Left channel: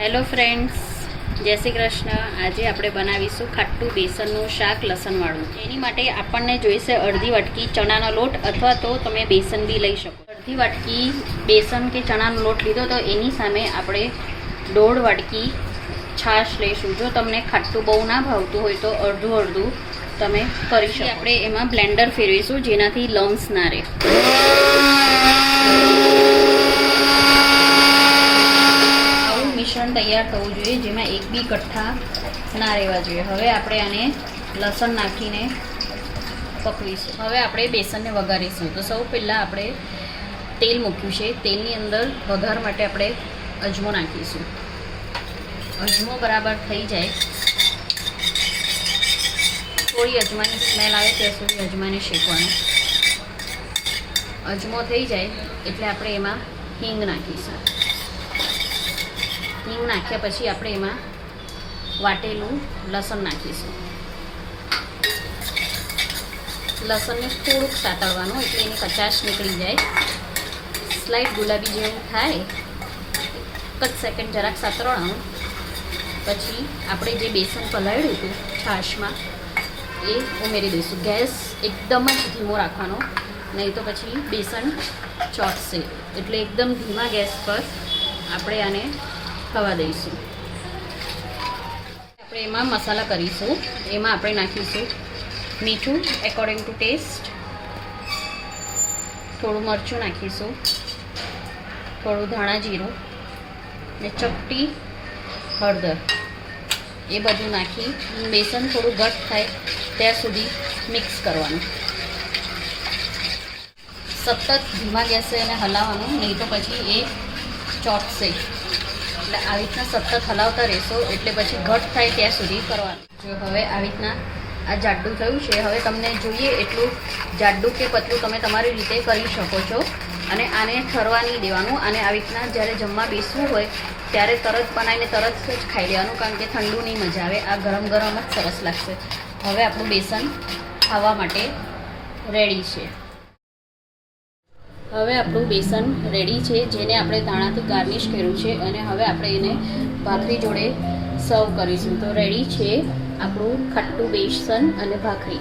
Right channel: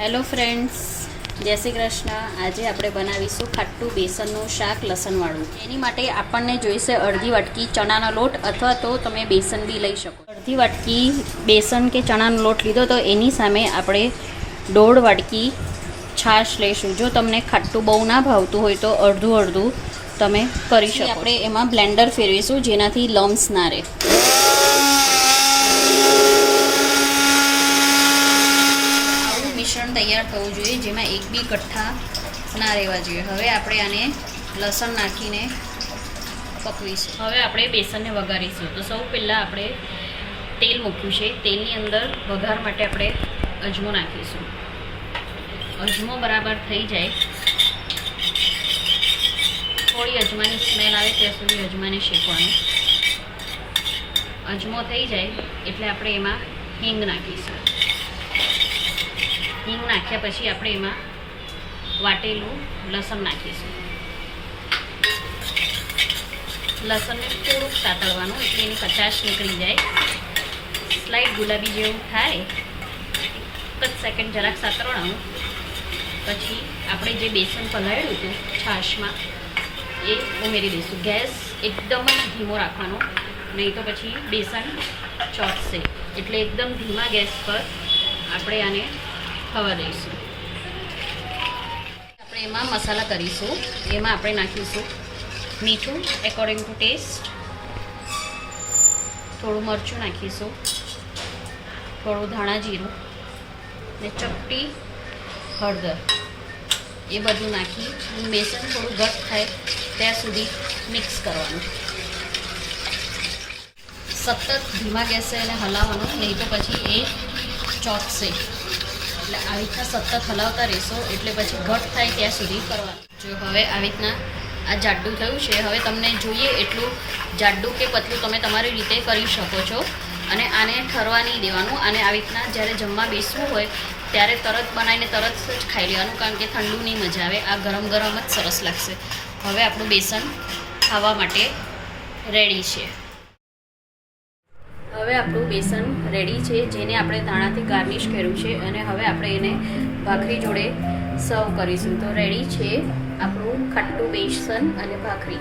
Hello friends, જય શ્રી કૃષ્ણ. આજે આપણે બનાવીશું ખાટું બેસનનું શાક લસણવાળું. એની માટે આપણને જોઈશે અડધી વાટકી ચણાનો લોટ, અથવા તો તમે બેસન બી લઈ શકો. અડધી વાટકી બેસન કે ચણાનો લોટ લીધો તો એની સામે આપણે 1.5 વાટકી છાશ લઈશું. જો તમને ખાટું બહુ ના ભાવતું હોય તો અડધું તમે કરી શકો. આપણે એમાં બ્લેન્ડર ફેરવીશું જેનાથી લમ્સ ના રહે. મિશ્રણ તૈયાર થવું જોઈએ જેમાં એક બી કઠ્ઠા ના રહેવા જોઈએ. હવે આપણે આને લસણ નાખીને પકવીશું. હવે આપણે બેસનને વઘારીશું. તો સૌ પહેલાં આપણે તેલ મૂક્યું છે. તેલની અંદર વઘાર માટે આપણે અજમો નાખીશું. અજમો બરાબર થઈ જાય, થોડી અજમાની સ્મેલ આવે ત્યાં સુધી અજમાને શેકવાનું. અજમો થઈ જાય એટલે આપણે એમાં હિંગ નાખીશું. હિંગ નાખ્યા પછી આપણે એમાં વાટેલું લસણ નાખીશું. લસણને થોડુંક સાતળવાનું એટલે એની કચાશ નીકળી જાય. સ્લાઇડ ગુલાબી જેવું થાય તો સેકન્ડ જરાક સાતળવાનું. પછી આપણે જે બેસન પલાળ્યું હતું છાશમાં એ ઉમેરી દઈશું. ગેસ એકદમ જ ધીમો રાખવાનો, નહીં તો પછી બેસન ચોંટશે. એટલે એકદમ ધીમા ગેસ પર આપણે આને થવા દઈશું. આપણે એમાં મસાલા કરીશું. એમાં આપણે નાખીશું મીઠું એકોર્ડિંગ ટુ ટેસ્ટ, થોડું મરચું નાખીશું, થોડું ધાણા જીરું ને ચપટી હળદર. એ બધું નાખી બેસન થોડું ઘટ થાય ત્યાં સુધી મિક્સ કરવાનું. સતત ધીમા ગેસે એને હલાવવાનું, નહીં તો પછી એ ચોંટશે. એટલે આવી રીતના સતત હલાવતા રહેશો એટલે પછી ઘટ થાય ત્યાં સુધી કરવાનું. જો હવે આવી રીતના આ જાડું થયું છે. હવે તમને જોઈએ એટલું જાડું કે પતલું તમે તમારી રીતે કરી શકો છો. અને આને ઠરવા નહીં દેવાનું. અને આવી રીતના જ્યારે જમવા બેસવું હોય ત્યારે તરત બનાવીને તરત જ ખાઈ લેવાનું, કારણ કે ઠંડુ નહીં મજા આવે. આ ગરમ ગરમ જ સરસ લાગશે. હવે આપણું બેસન ખાવા માટે રેડી છે. હવે આપણું બેસન રેડી છે, જેને આપણે ધાણાથી ગાર્નિશ કર્યું છે. અને હવે આપણે એને ભાખરી જોડે સર્વ કરીશું. તો રેડી છે આપણું ખાટું બેસન અને ભાખરી.